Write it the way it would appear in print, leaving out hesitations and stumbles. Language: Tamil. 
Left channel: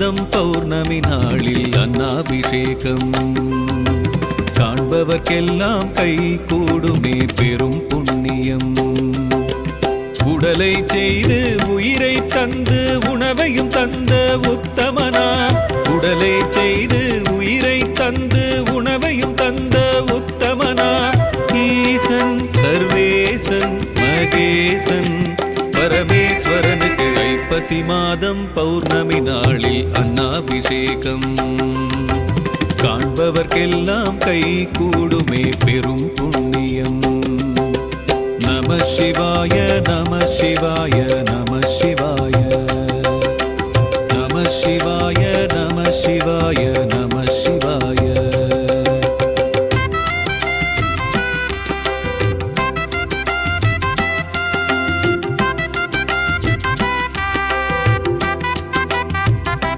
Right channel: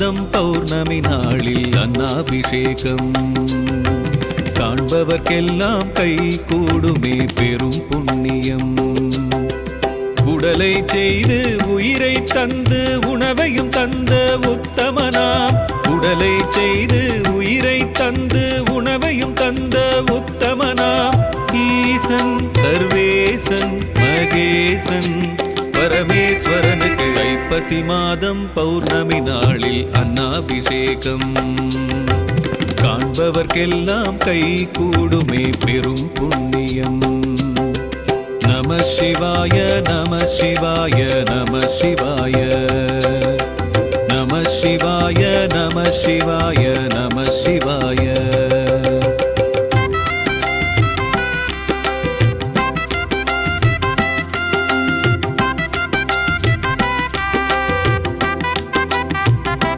பௌர்ணமி நாளில் அன்னாபிஷேகம் காண்பவர்க்கெல்லாம் கை கூடுமே பெரும் புண்ணியம். உடலை செய்து உயிரை தந்து உணவையும் தந்த உத்தமனாம். உடலை செய்து உயிரை தந்து உணவையும் தந்த உத்தமனாம். ஈசன் சர்வேசன் மகேசன் பரமேஸ்வரனுக்கு ஐப்பசி மாதம் பௌர்ணமி நாளில் அன்னாபிஷேகம் காண்பவர்க்கெல்லாம் கை கூடுமே பெரும் புண்ணியம். நம சிவாய நம சிவாய